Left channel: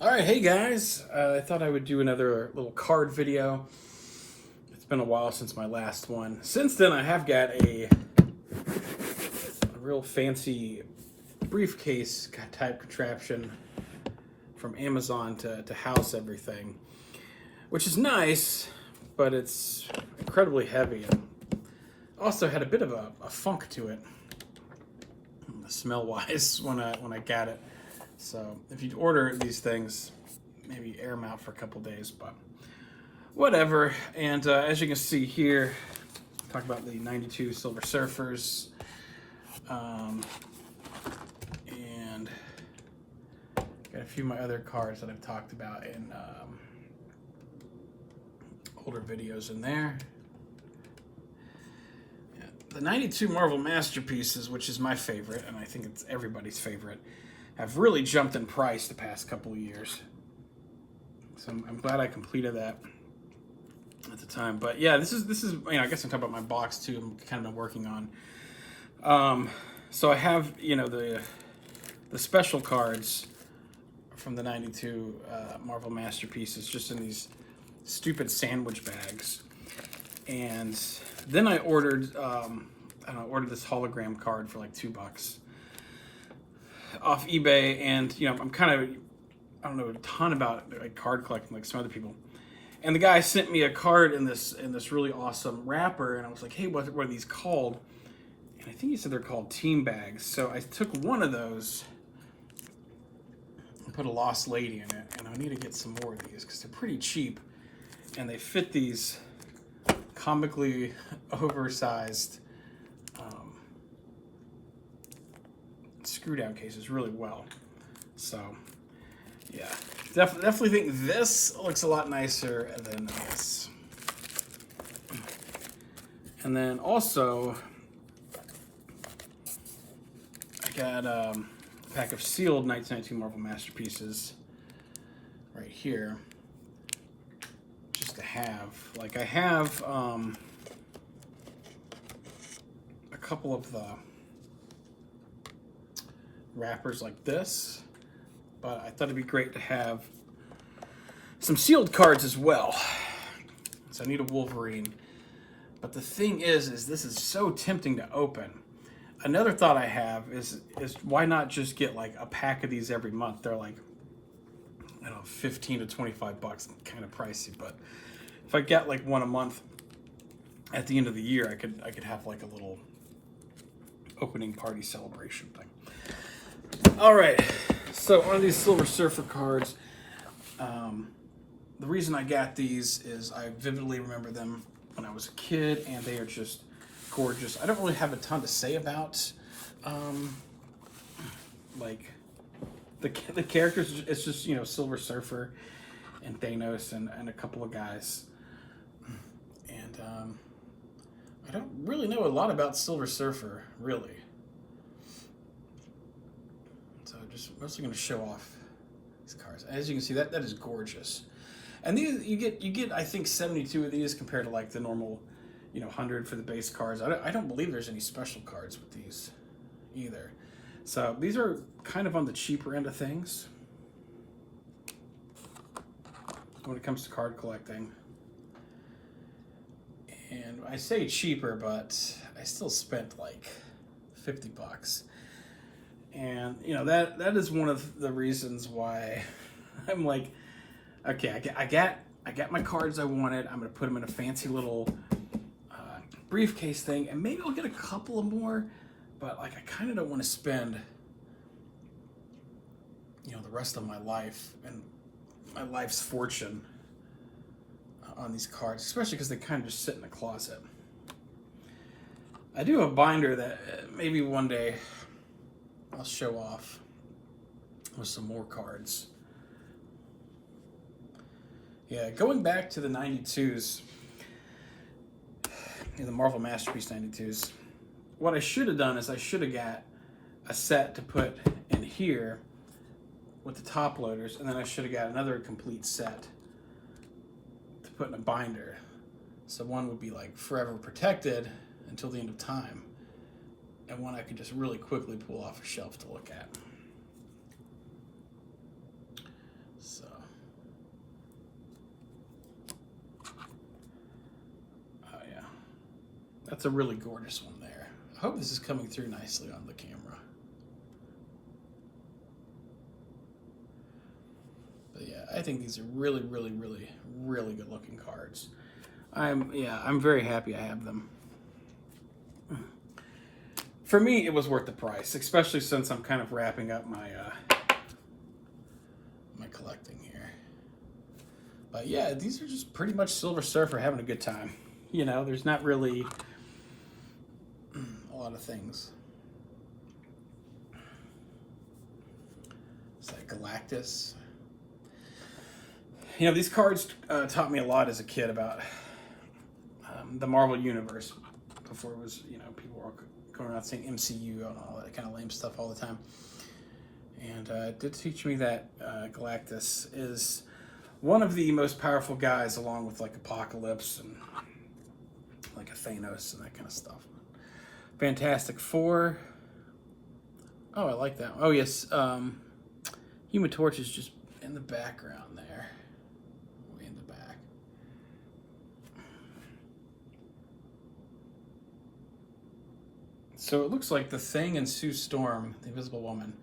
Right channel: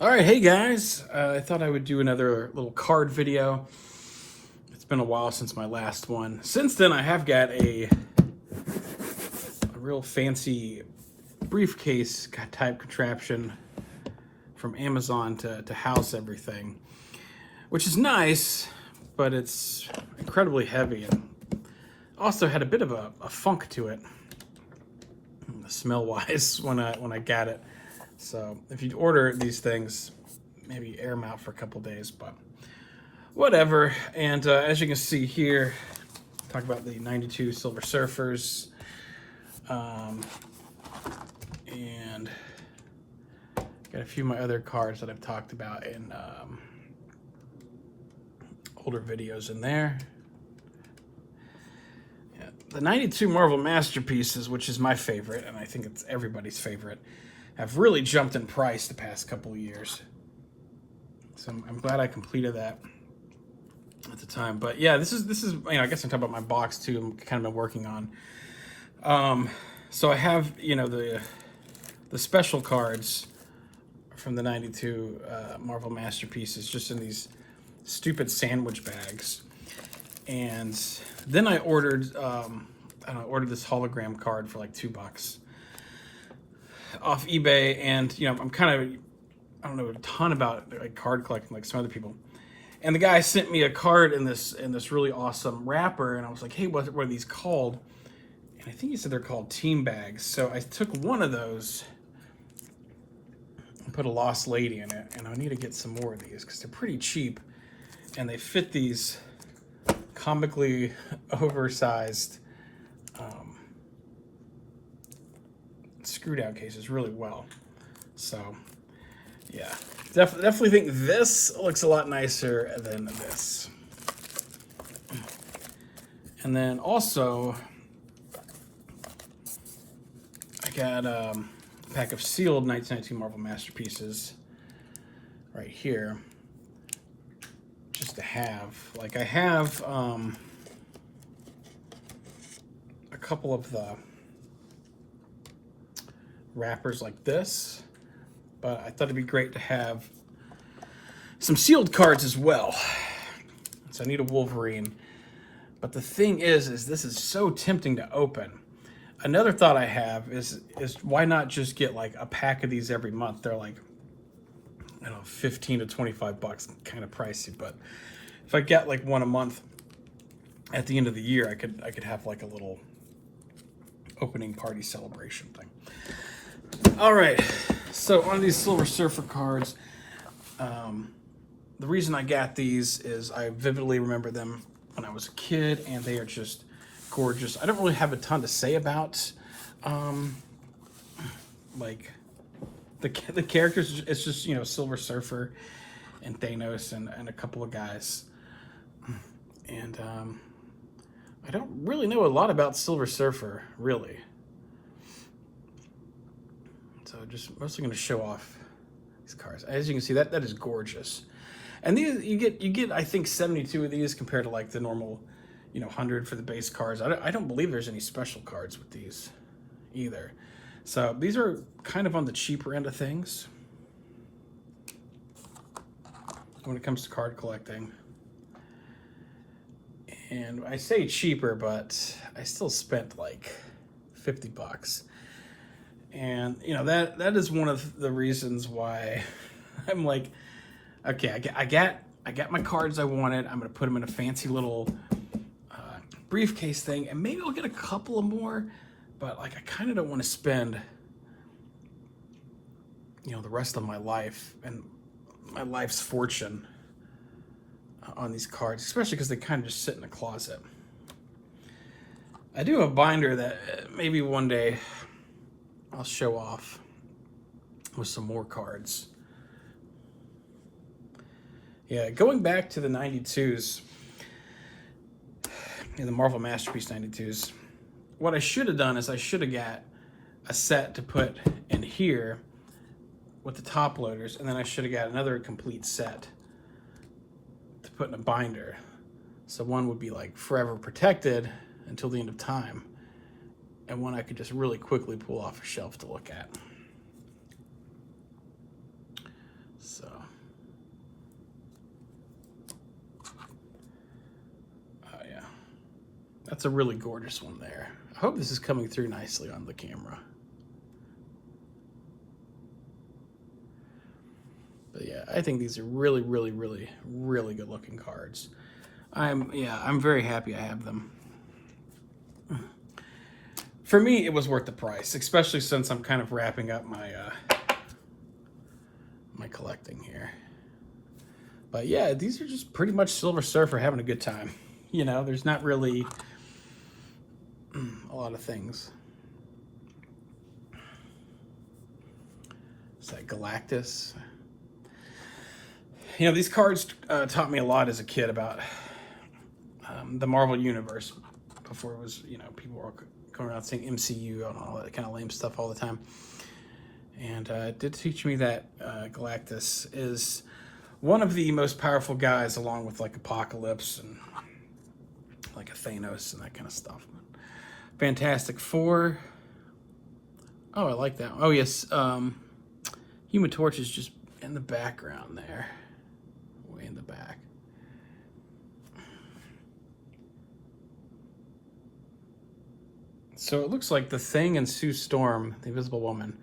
All right, hey guys. I thought I would do another little card video. It's been a while since my last one. Since then, I have got a real fancy briefcase type contraption from Amazon to house everything, which is nice, but it's incredibly heavy and also had a bit of a funk to it, smell-wise, when I got it. So if you order these things, maybe air them out for a couple days, but whatever. And as you can see here, talk about the 92 Silver Surfers. And got a few of my other cards that I've talked about in older videos in there. Yeah, the 92 Marvel Masterpieces, which is my favorite, and I think it's everybody's favorite, have really jumped in price the past couple of years. So I'm glad I completed that at the time. But yeah, this is I guess I'm talking about my box too. I'm kind of been working on. So I have the special cards from the 92 Marvel Masterpieces just in these stupid sandwich bags. And then I ordered ordered this hologram card for like $2 off eBay, and I'm kind of, I don't know a ton about like card collecting like some other people. And the guy sent me a card in this really awesome wrapper, and I was like, hey, what are these called? And I think he said they're called team bags. So I took one of those and put a Lost Lady in it, and I need to get some more of these because they're pretty cheap, and they fit these comically oversized screw down cases really well. So yeah, definitely think this looks a lot nicer than this. And then also I got a pack of sealed 1992 Marvel Masterpieces right here, just to have. Like I have a couple of the wrappers like this, but I thought it'd be great to have some sealed cards as well. So I need a Wolverine. But the thing is this is so tempting to open. Another thought I have is why not just get like a pack of these every month? They're like, I don't know, 15 to 25 bucks, kind of pricey, but if I get like one a month at the end of the year, I could have like a little opening party celebration thing. All right, so on these Silver Surfer cards, the reason I got these is I vividly remember them when I was a kid, and they are just gorgeous. I don't really have a ton to say about like the characters. It's just Silver Surfer and Thanos and a couple of guys, and I don't really know a lot about Silver Surfer really. So just mostly going to show off these cards. As you can see, that is gorgeous. And these you get I think 72 of these compared to like the normal 100 for the base cards. I don't believe there's any special cards with these either. So these are kind of on the cheaper end of things when it comes to card collecting. And I say cheaper, but I still spent like 50 bucks. And that is one of the reasons why I'm like, okay, I got my cards I wanted. I'm gonna put them in a fancy little briefcase thing, and maybe I'll get a couple of more. But like, I kind of don't want to spend the rest of my life and my life's fortune on these cards, especially because they kind of just sit in a closet. I do have a binder that maybe one day I'll show off with some more cards. Yeah, going back to the 92s, in the Marvel Masterpiece 92s, what I should have done is I should have got a set to put in here with the top loaders, and then I should have got another complete set to put in a binder. So one would be like forever protected until the end of time, and one I could just really quickly pull off a shelf to look at. That's a really gorgeous one there. I hope this is coming through nicely on the camera. But yeah, I think these are really, really, really, really good looking cards. I'm very happy I have them. For me, it was worth the price, especially since I'm kind of wrapping up my my collecting here. But yeah, these are just pretty much Silver Surfer having a good time. You know, there's not really a lot of things. It's like Galactus. You know, these cards taught me a lot as a kid about the Marvel Universe before it was, you know, people were going around saying MCU and all that kind of lame stuff all the time. And it did teach me that Galactus is one of the most powerful guys, along with like Apocalypse and like a Thanos and that kind of stuff. Fantastic Four. Oh, I like that. Oh, yes. Human Torch is just in the background there. Way in the back. So it looks like the Thing and Sue Storm, the Invisible Woman,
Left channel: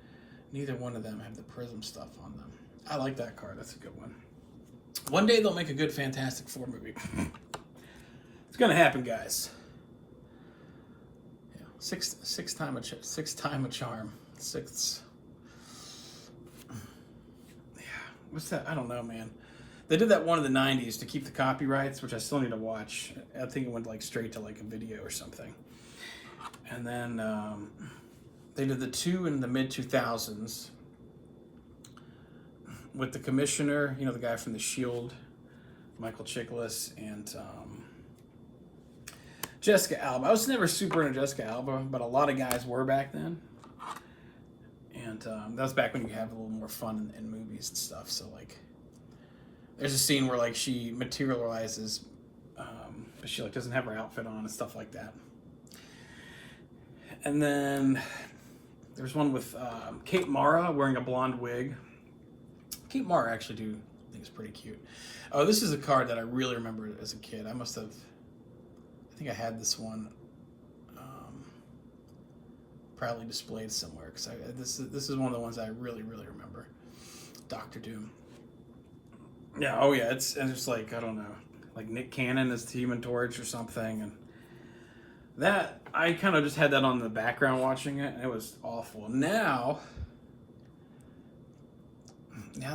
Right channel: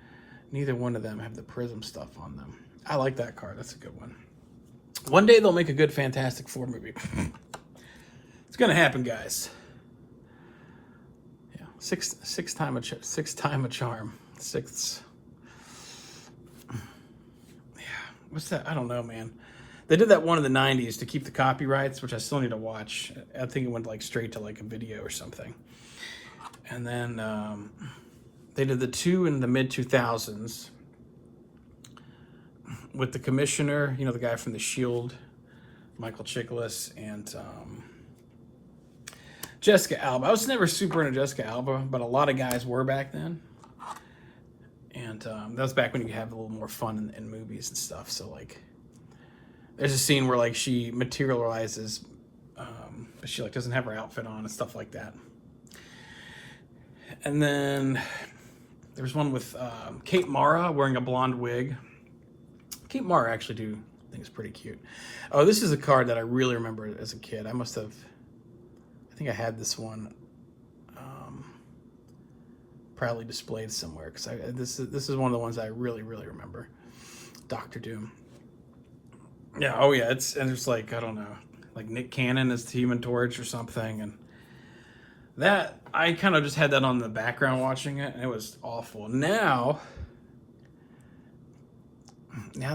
neither one of them have the Prism stuff on them. I like that card. That's a good one. One day they'll make a good Fantastic Four movie. It's gonna happen, guys. Yeah, six time a charm. Sixth. Yeah, what's that? I don't know, man. They did that one in the '90s to keep the copyrights, which I still need to watch. I think it went like straight to like a video or something. And then they did the two in the mid 2000s with the Commissioner, you know, the guy from The Shield, Michael Chiklis, and Jessica Alba. I was never super into Jessica Alba, but a lot of guys were back then. And that was back when you could have a little more fun in movies and stuff. So, like, there's a scene where, like, she materializes, but she, like, doesn't have her outfit on and stuff like that. And then there's one with Kate Mara wearing a blonde wig. Kate Mara actually I think is pretty cute. Oh, this is a card that I really remember as a kid. I think I had this one proudly displayed somewhere, because this is one of the ones I really, really remember. Dr. Doom. Yeah, oh yeah, it's like, I don't know, like Nick Cannon is the Human Torch or something, and that, I kind of just had that on the background watching it, and it was awful. Now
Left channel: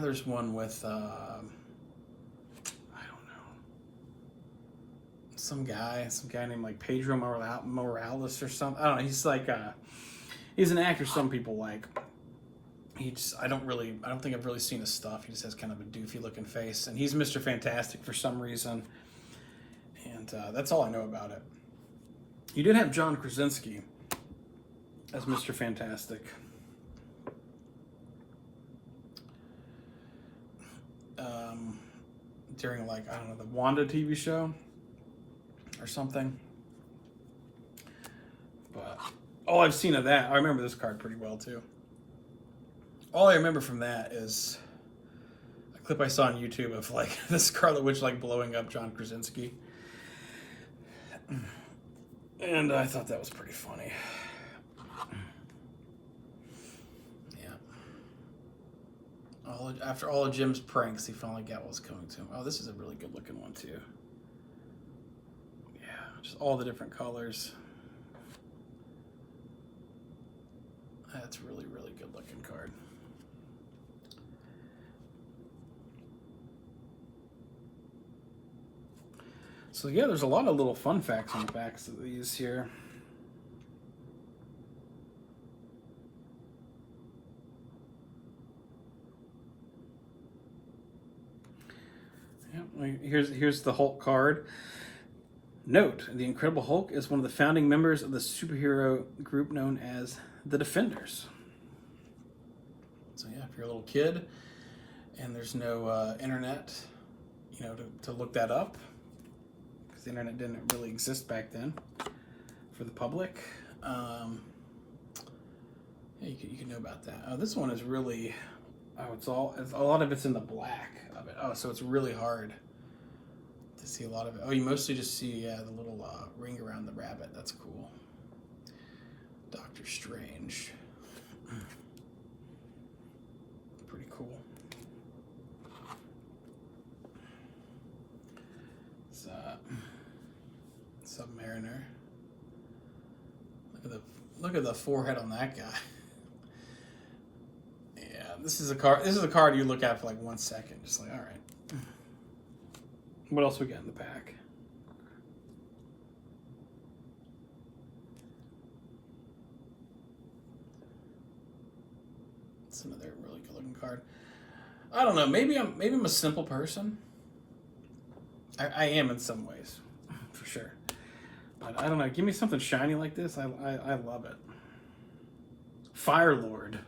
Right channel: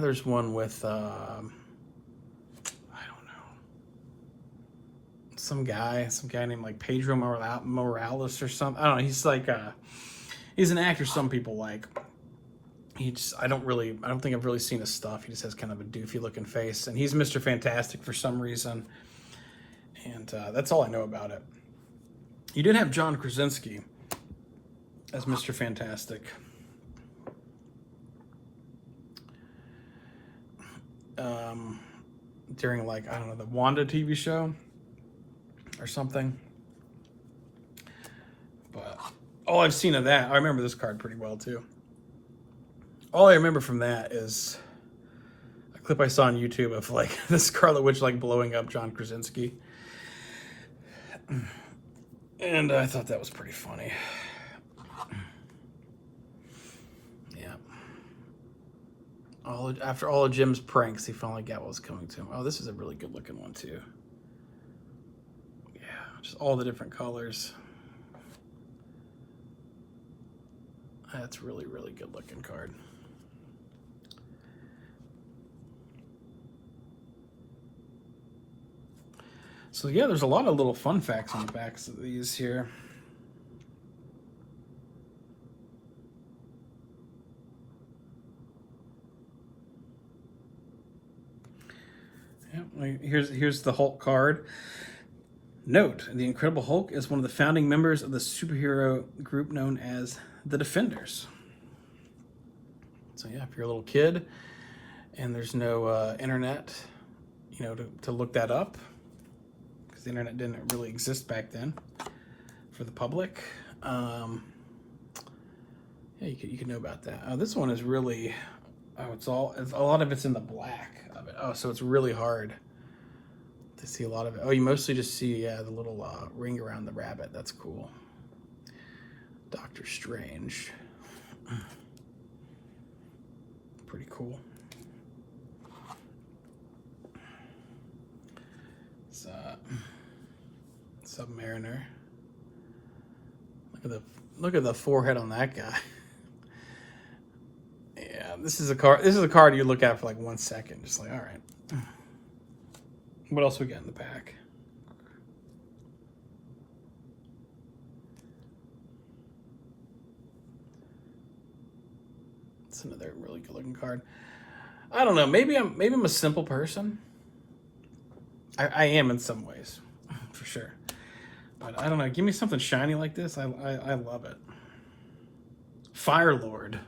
there's one with, I don't know, some guy named like Pedro Morales or something. I don't know, he's like, he's an actor some people like. I don't think I've really seen his stuff. He just has kind of a doofy looking face, and he's Mr. Fantastic for some reason. And that's all I know about it. You did have John Krasinski as Mr. Fantastic. During, like, I don't know, the Wanda TV show or something. But all I've seen of that, I remember this card pretty well too. All I remember from that is a clip I saw on YouTube of, like, the Scarlet Witch, like, blowing up John Krasinski. And I thought that was pretty funny. Yeah. After all of Jim's pranks, he finally got what was coming to him. Oh, this is a really good looking one too. Yeah, just all the different colors. That's really, really good looking card. So yeah, there's a lot of little fun facts on the backs of these here. Yeah, here's the Hulk card. Note, the Incredible Hulk is one of the founding members of the superhero group known as the Defenders. So yeah, if you're a little kid and there's no internet, you know, to look that up, the internet didn't really exist back then for the public. Yeah, you could know about that. This one is really, a lot of it's in the black of it. Oh, so it's really hard to see a lot of it. Oh, you mostly just see, yeah, the little ring around the rabbit. That's cool. Doctor Strange. Pretty cool. It's Submariner. Look at the forehead on that guy. Yeah, this is a card. This is a card you look at for like 1 second, just like, all right. What else we got in the pack? It's another really good looking card. I don't know. Maybe I'm a simple person. I am in some ways, for sure. But I don't know. Give me something shiny like this. I love it. Fire Lord.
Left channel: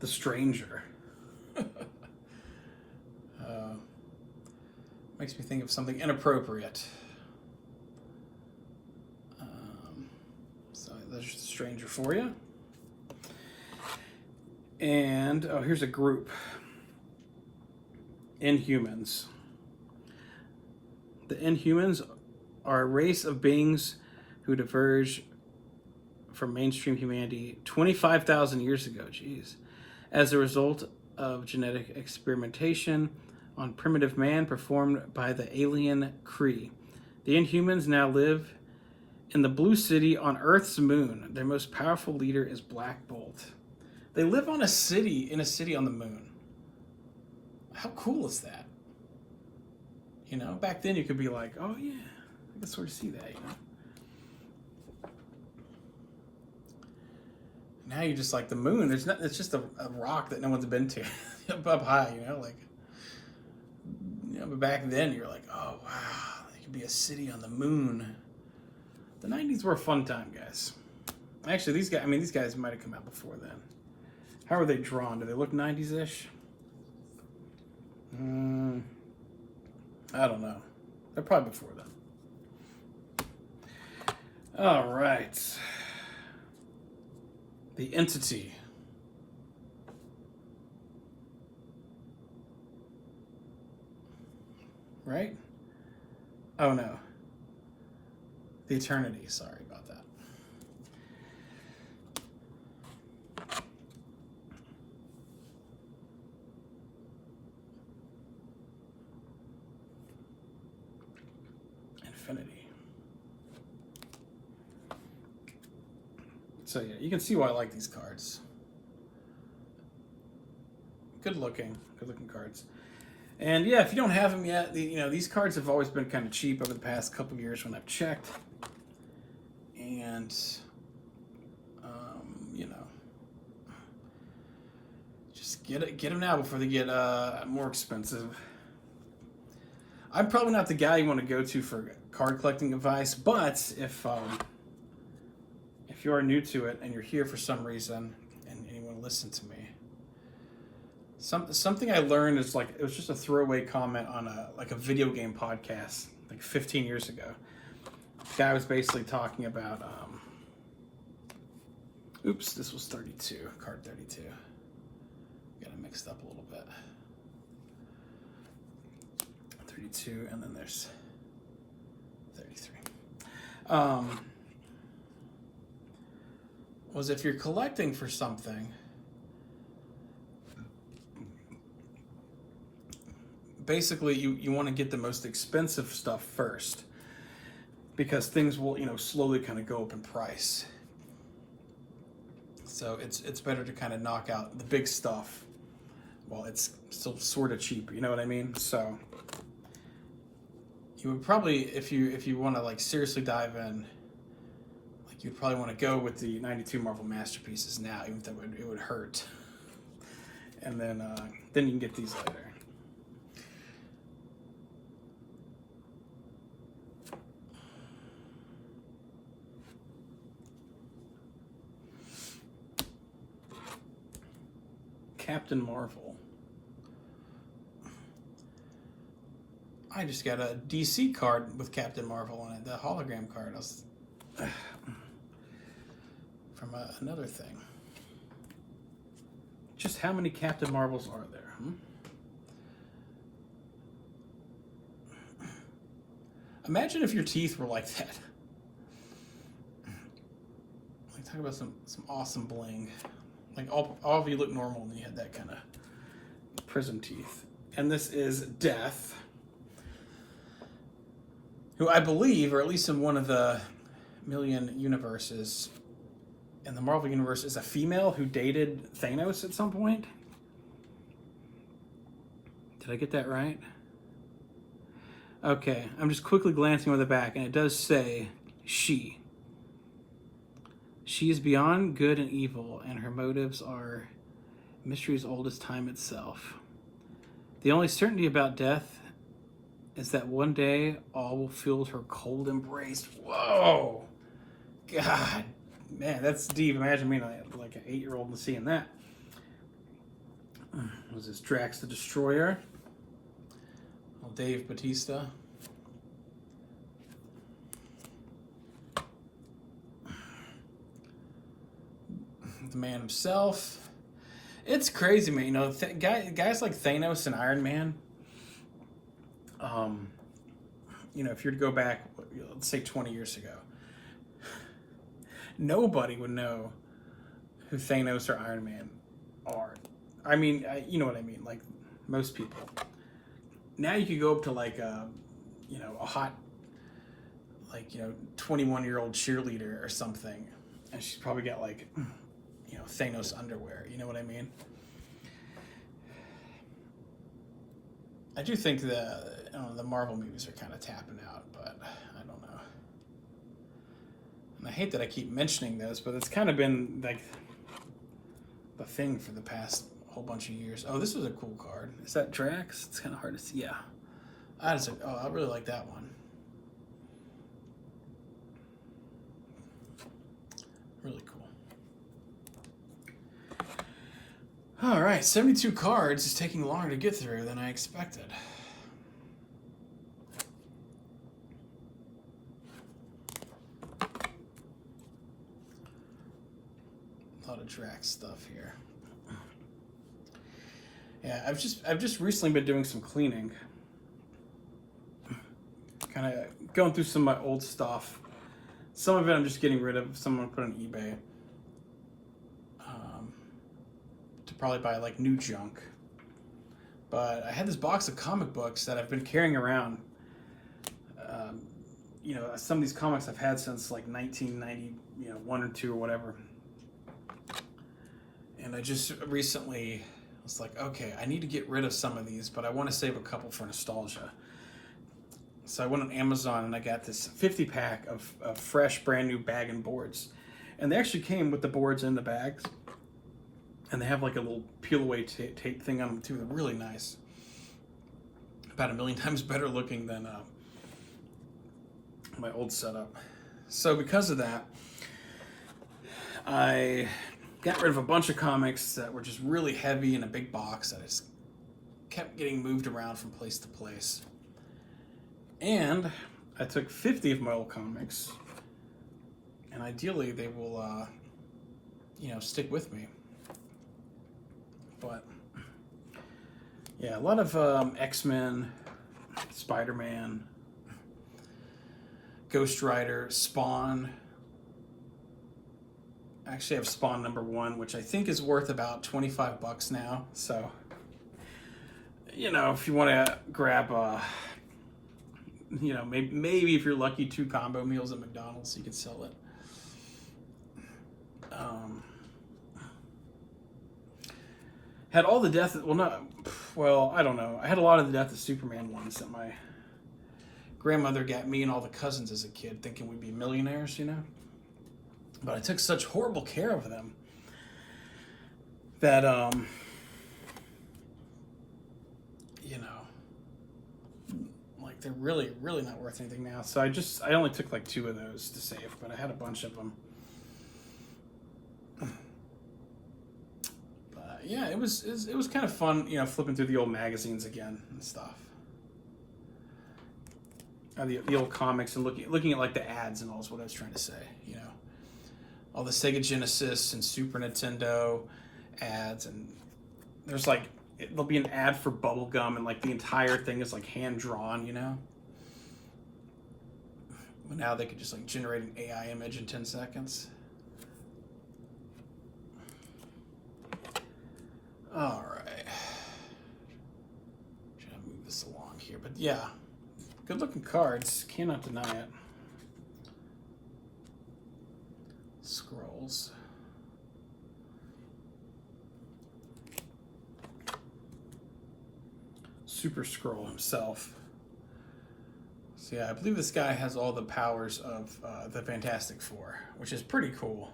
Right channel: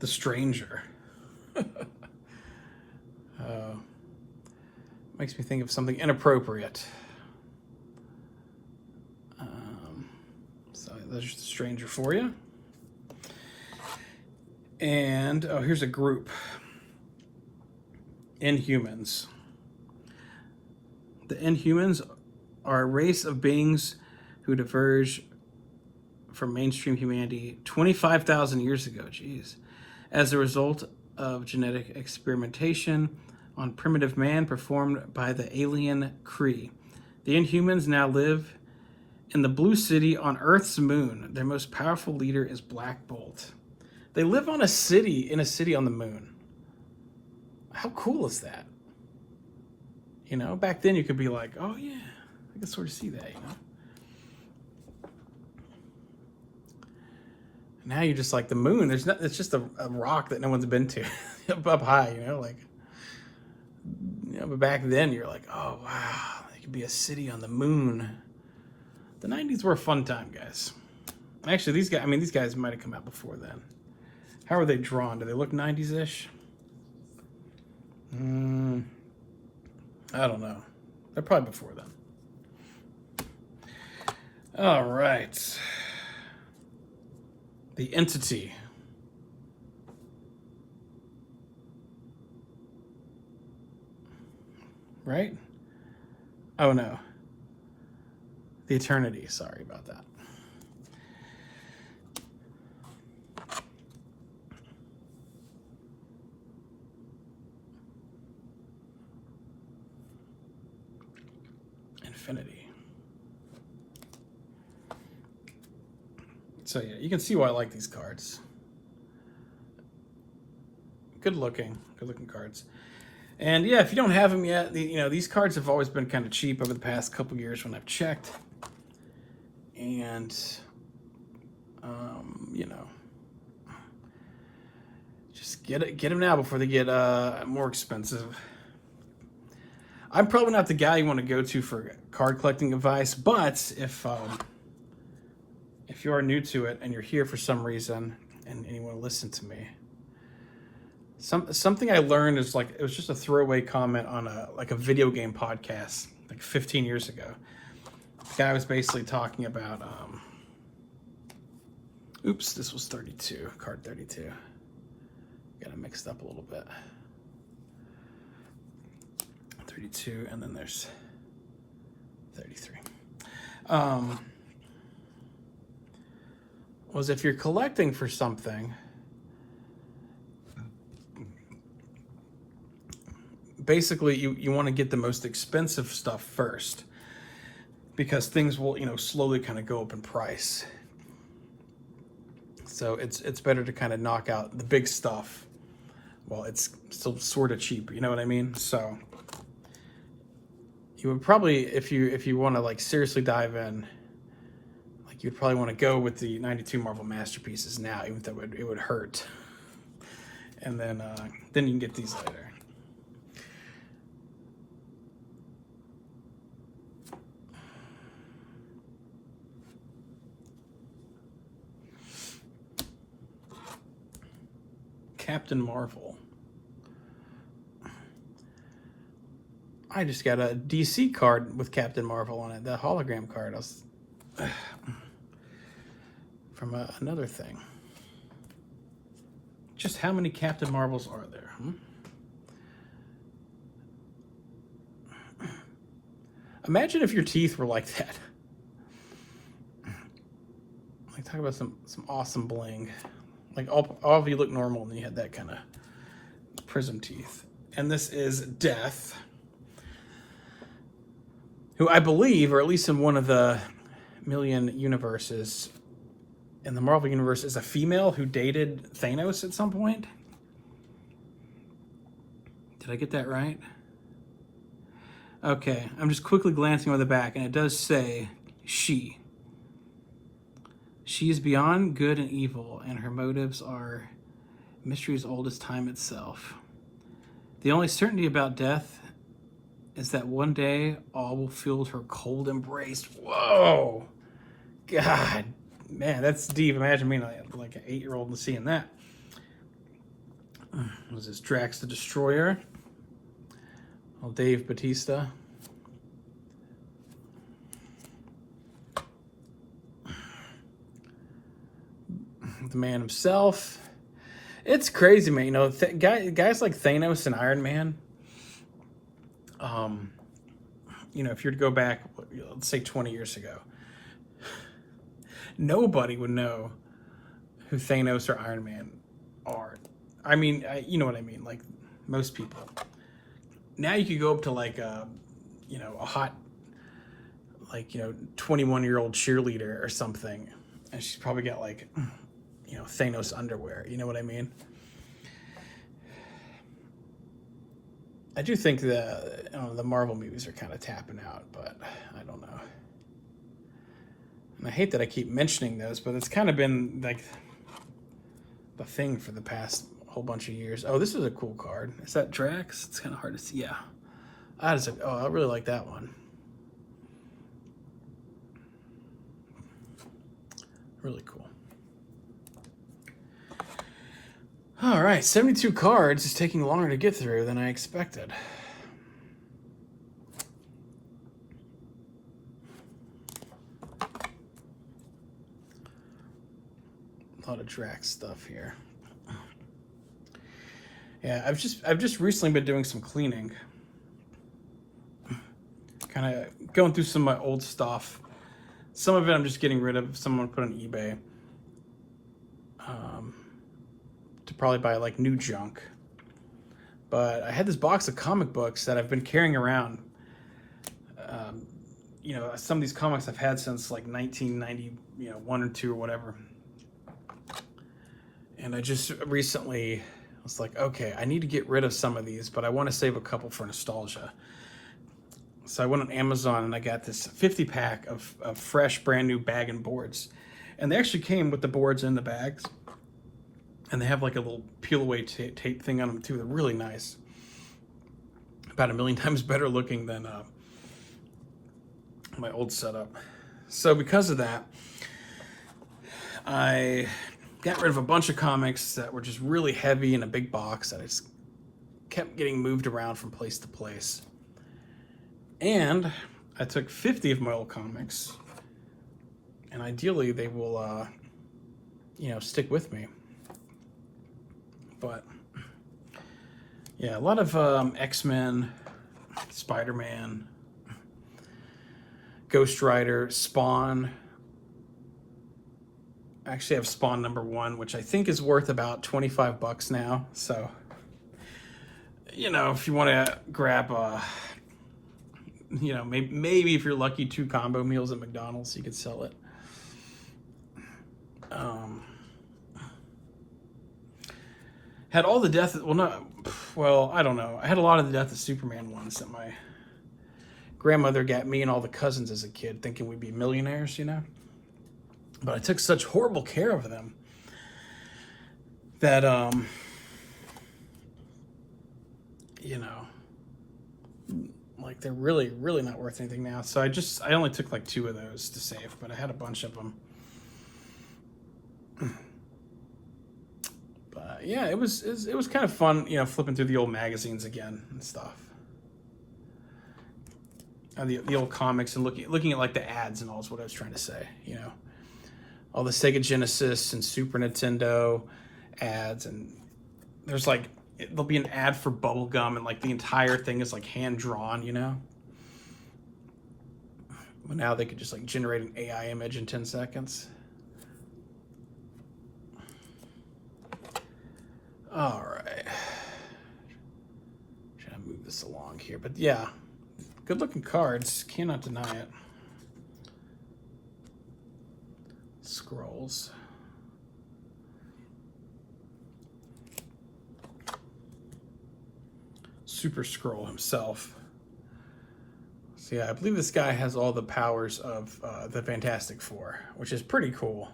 The Stranger. Makes me think of something inappropriate. So there's the Stranger for you. And, oh, here's a group. Inhumans. The Inhumans are a race of beings who diverge from mainstream humanity 25,000 years ago, jeez, as a result of genetic experimentation on primitive man performed by the alien Kree. The Inhumans now live in the Blue City on Earth's moon. Their most powerful leader is Black Bolt. They live on in a city on the moon. How cool is that? You know, back then you could be like, oh yeah, I can sort of see that, you know. Now you're just like the moon. It's just a rock that no one's been to up high, you know, like. You know, but back then you're like, oh wow, there could be a city on the moon. The 90s were a fun time, guys. Actually, these guys might have come out before then. How are they drawn? Do they look 90s-ish? I don't know. They're probably before then. All right. The Entity. Right? Oh no. The Eternity. Sorry about that. Infinity. So yeah, you can see why I like these cards. Good looking cards. And yeah, if you don't have them yet, these cards have always been kind of cheap over the past couple years when I've checked. And, just get them now before they get more expensive. I'm probably not the guy you want to go to for card collecting advice, but if you are new to it and you're here for some reason and you want to listen to me, something I learned is like, it was just a throwaway comment on a video game podcast like 15 years ago. The guy was basically talking about oops, this was 32, card 32. Got it mixed up a little bit. 32, and then there's 33. Was if you're collecting for something, basically you want to get the most expensive stuff first, because things will slowly kind of go up in price. So it's better to kind of knock out the big stuff while it's still sort of cheap, you know what I mean? So you would probably, if you want to like seriously dive in, like you'd probably want to go with the 92 Marvel Masterpieces now, even though it would hurt. And then you can get these later. Captain Marvel. I just got a DC card with Captain Marvel on it, the hologram card. From another thing. Just how many Captain Marvels are there? Imagine if your teeth were like that. Like, talk about some awesome bling. Like, all of you look normal and you had that kind of prism teeth. And this is Death, who I believe, or at least in one of the million universes, in the Marvel Universe, is a female who dated Thanos at some point. Did I get that right? Okay, I'm just quickly glancing over the back, and it does say she. She is beyond good and evil, and her motives are mystery as old as time itself. The only certainty about death is that one day all will feel her cold embrace. Whoa! God, man, that's deep. Imagine being like an 8-year-old and seeing that. Was this Drax the Destroyer? Oh, Dave Bautista. The man himself. It's crazy, man. You know, guys like Thanos and Iron Man. You know, if you were to go back, let's say 20 years ago, nobody would know who Thanos or Iron Man are. I mean, you know what I mean. Like most people. Now you could go up to like a hot, 21-year-old cheerleader or something, and she's probably got like, Thanos underwear. You know what I mean? I do think the Marvel movies are kind of tapping out, but I don't know. And I hate that I keep mentioning those, but it's kind of been like the thing for the past whole bunch of years. Oh, this is a cool card. Is that Drax? It's kind of hard to see. Yeah. I really like that one. Really cool. All right, 72 cards is taking longer to get through than I expected. A lot of Drax stuff here. Yeah, I've just recently been doing some cleaning. Kind of going through some of my old stuff. Some of it I'm just getting rid of. Some I'm put on eBay. To probably buy like new junk. But I had this box of comic books that I've been carrying around. Some of these comics I've had since like 1990, 1 or 2 or whatever. And I just recently was like, okay, I need to get rid of some of these, but I want to save a couple for nostalgia. So I went on Amazon and I got this 50-pack of fresh, brand new bag and boards. And they actually came with the boards in the bags. And they have like a little peel-away tape thing on them too. They're really nice. About 1,000,000 times better looking than my old setup. So because of that, I got rid of a bunch of comics that were just really heavy in a big box that I just kept getting moved around from place to place. And I took 50 of my old comics, and ideally they will, stick with me. But yeah, a lot of X-Men, Spider-Man, Ghost Rider, Spawn. I actually have Spawn #1, which I think is worth about $25 now. So, if you want to grab, maybe if you're lucky, 2 combo meals at McDonald's, you could sell it. Had all the Death, I don't know. I had a lot of the Death of Superman ones that my grandmother got me and all the cousins as a kid, thinking we'd be millionaires, But I took such horrible care of them that, they're really, really not worth anything now. So I only took like 2 of those to save, but I had a bunch of them. But yeah, it was kind of fun, flipping through the old magazines again and stuff. the old comics and looking at like the ads and all is what I was trying to say. You know, all the Sega Genesis and Super Nintendo ads, and there's like there'll be an ad for bubble gum, and like the entire thing is like hand drawn. You know. But now they could just like generate an AI image in 10 seconds. All right. Trying to move this along here, but yeah, good looking cards. Cannot deny it. Scrolls. Super Scroll himself. So yeah, I believe this guy has all the powers of the Fantastic Four, which is pretty cool.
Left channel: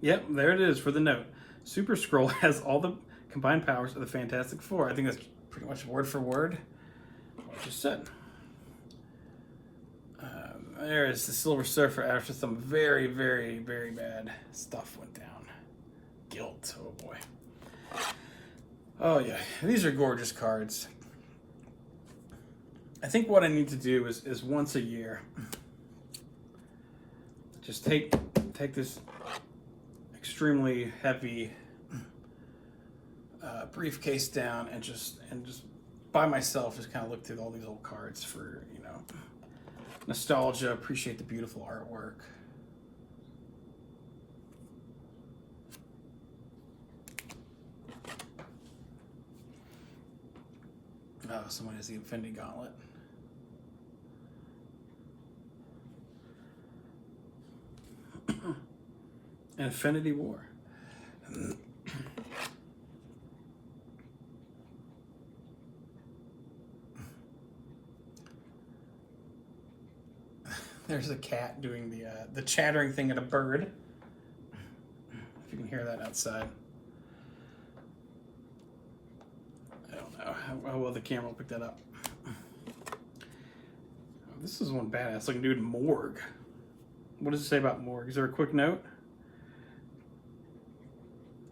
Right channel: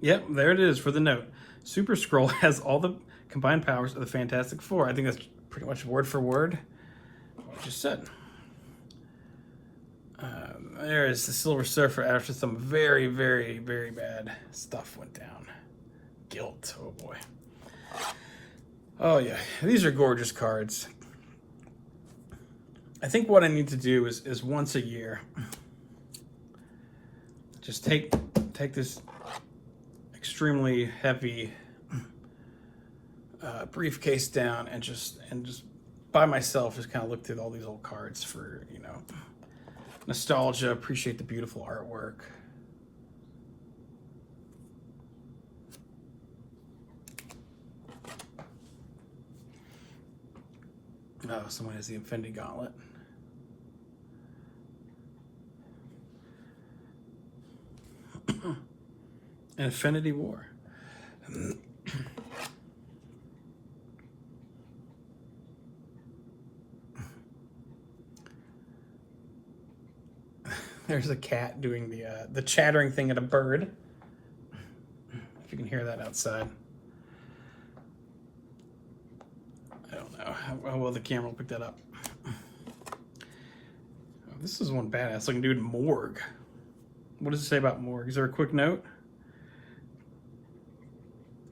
Yep, there it is for the note. Super Scroll has all the combined powers of the Fantastic Four. I think that's pretty much word for word what I just said. There is the Silver Surfer after some very, very, very bad stuff went down. Guilt, oh boy. Oh yeah, these are gorgeous cards. I think what I need to do is once a year, just take this extremely heavy briefcase down and just by myself just kind of look through all these old cards for, you know, nostalgia, appreciate the beautiful artwork. Oh, someone has the Infinity Gauntlet. Infinity War. There's a cat doing the chattering thing at a bird. If you can hear that outside. I don't know how well the camera will pick that up. This is one badass looking dude, Morgue. What does it say about Morgue? Is there a quick note?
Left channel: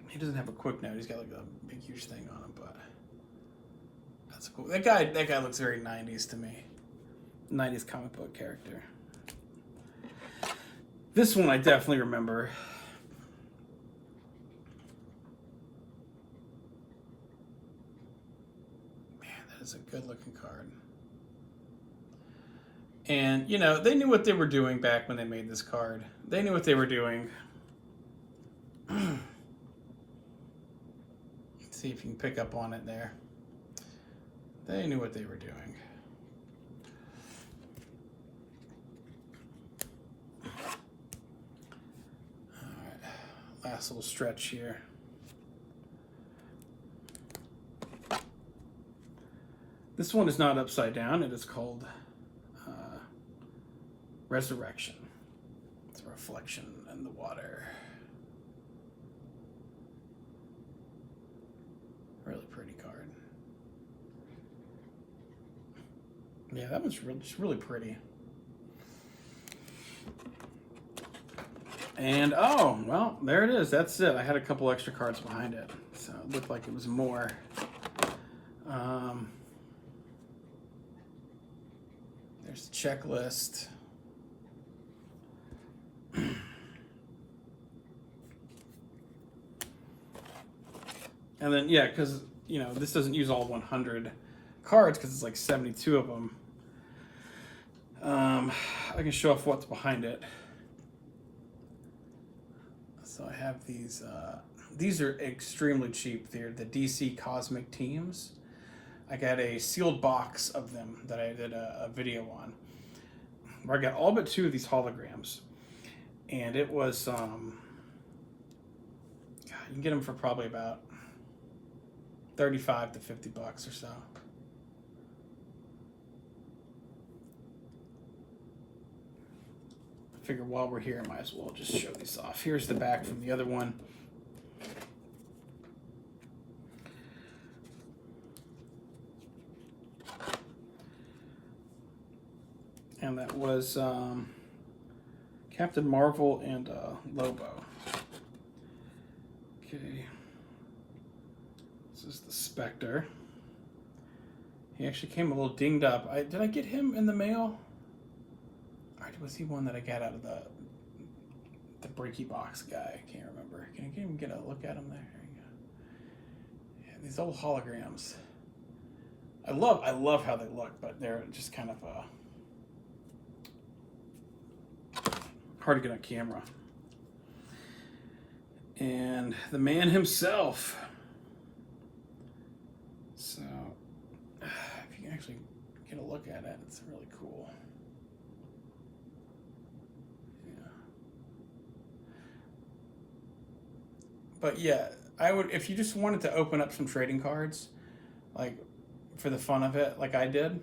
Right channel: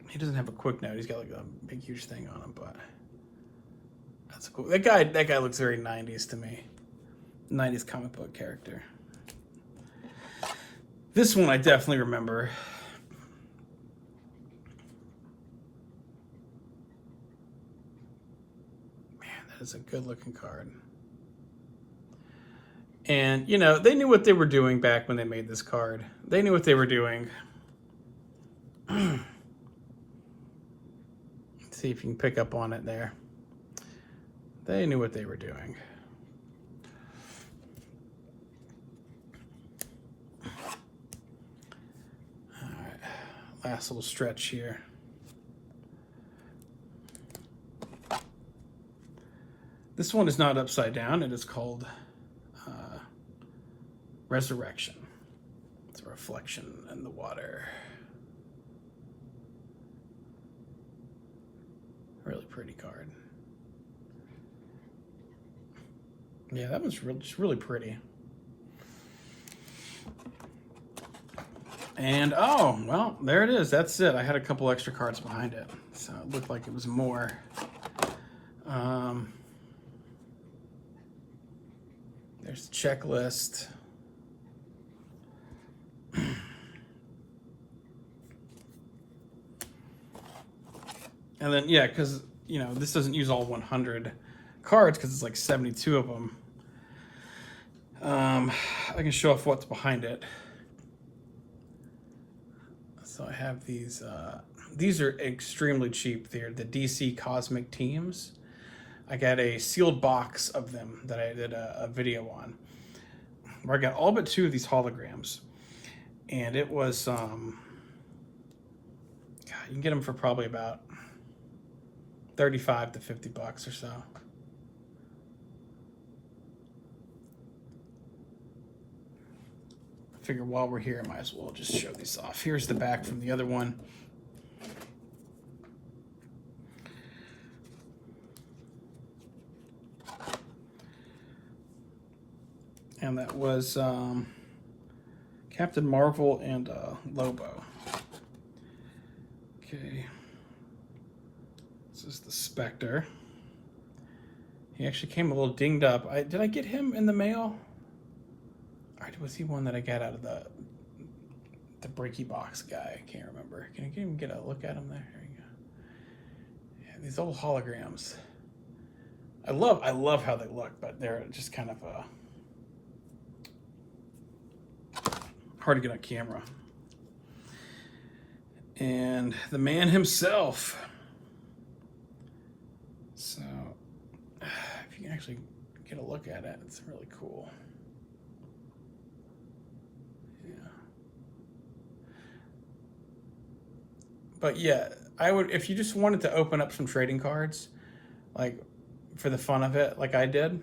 He doesn't have a quick note. He's got like a big huge thing on him, but that's cool. That guy looks very 90s to me. 90s comic book character. This one I definitely remember. Man, that is a good looking card. And, you know, they knew what they were doing back when they made this card. They knew what they were doing. Let's see if you can pick up on it there. They knew what they were doing. All right, last little stretch here. This one is not upside down. It is called Resurrection. It's a reflection in the water. Really pretty card. Yeah, that one's just really pretty. And oh, well, there it is. That's it. I had a couple extra cards behind it, so it looked like it was more. There's the checklist. And then, yeah, because, you know, this doesn't use all 100 cards because it's like 72 of them. I can show off what's behind it. So I have these. These are extremely cheap. They're the DC Cosmic Teams. I got a sealed box of them that I did a video on, where I got all but 2 of these holograms. And it was, God, you can get them for probably about 35 to 50 bucks or so. I figure while we're here, I might as well just show these off. Here's the back from the other one. And that was Captain Marvel and Lobo. Okay. This is the Spectre. He actually came a little dinged up. Did I get him in the mail? Or was he one that I got out of the breaky box guy? I can't remember. Can you even get a look at him there? There you go. Yeah, these old holograms. I love how they look, but they're just kind of hard to get on camera. And the man himself. So, if you can actually get a look at it, it's really cool. Yeah. But yeah, I would, if you just wanted to open up some trading cards, like for the fun of it, like I did.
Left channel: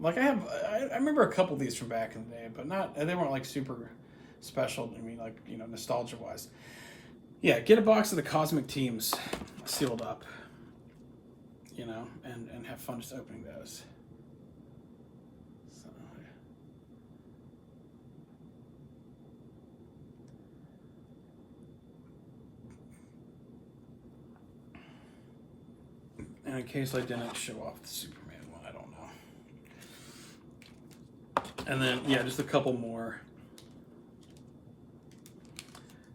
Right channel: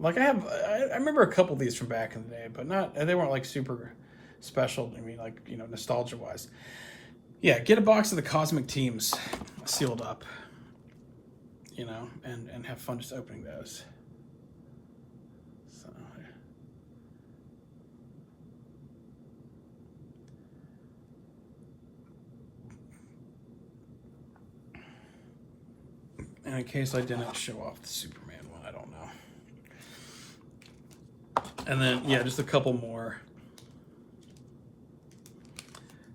Like I remember a couple of these from back in the day, but they weren't like super special to me, like, you know, nostalgia wise. Yeah, get a box of the Cosmic Teams sealed up, you know, and have fun just opening those. So, and in case I didn't show off the Superman one, I don't know. And then, yeah, just a couple more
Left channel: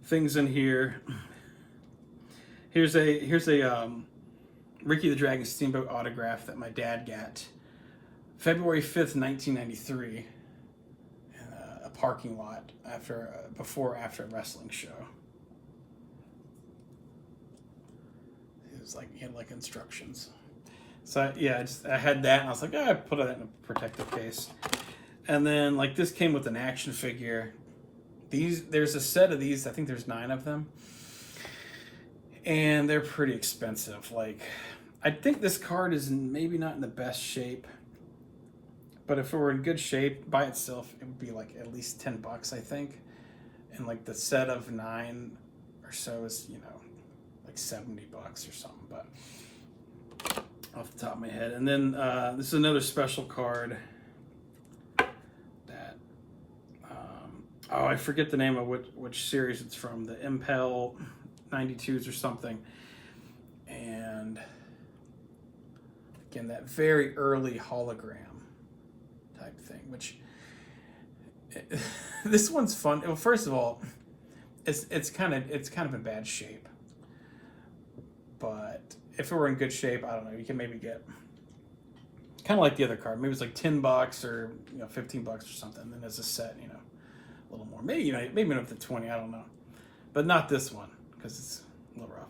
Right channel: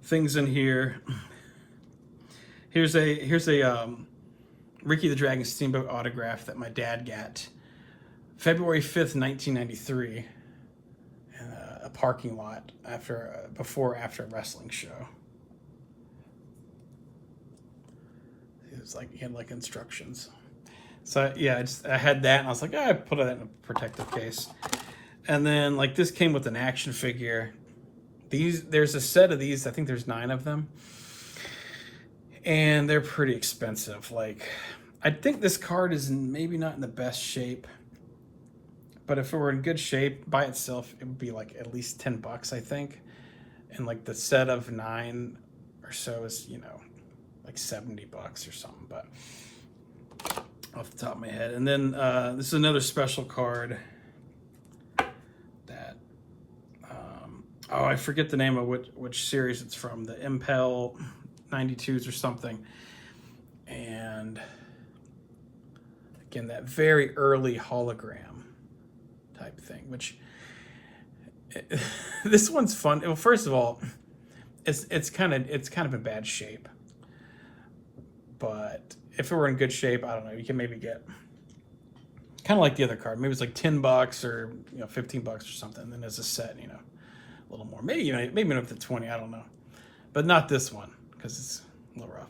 things in here. Here's a Ricky the Dragon Steamboat autograph that my dad got February 5th, 1993, in a parking lot after a wrestling show. He had like instructions. So yeah, I had that, and I was like, I put that in a protective case. And then like this came with an action figure. There's a set of these. I think there's 9 of them, and they're pretty expensive. Like, I think this card is maybe not in the best shape, but if it were in good shape by itself, it would be like at least $10, I think. And like the set of 9 or so is, you know, like $70 or something. But off the top of my head, and then this is another special card. Oh, I forget the name of which series it's from. The Impel 92s or something. And again, that very early hologram type thing, which this one's fun. Well, first of all, it's kind of in bad shape. But if it were in good shape, I don't know, you can maybe get kind of like the other card. Maybe it's like $10 or, you know, $15 or something. And then as a set, you know, a little more, maybe up to 20, I don't know, but not this one because it's a little rough.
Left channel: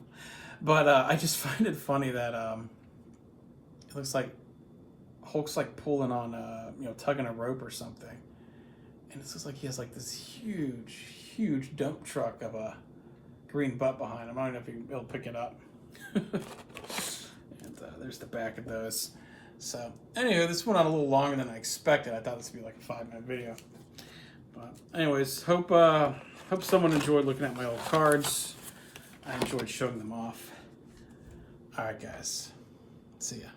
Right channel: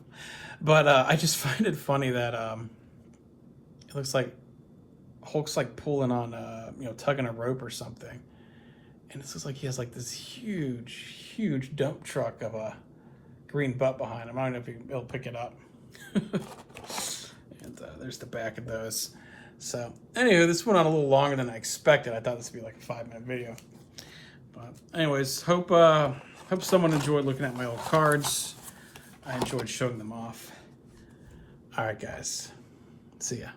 But I just find it funny that it looks like Hulk's like pulling on you know, tugging a rope or something, and it looks like he has like this huge dump truck of a green butt behind him. I don't know if he'll pick it up. And there's the back of those. So anyway, this went on a little longer than I expected. I thought this would be like a 5-minute video. Anyways, hope someone enjoyed looking at my old cards. I enjoyed showing them off. All right, guys. See ya.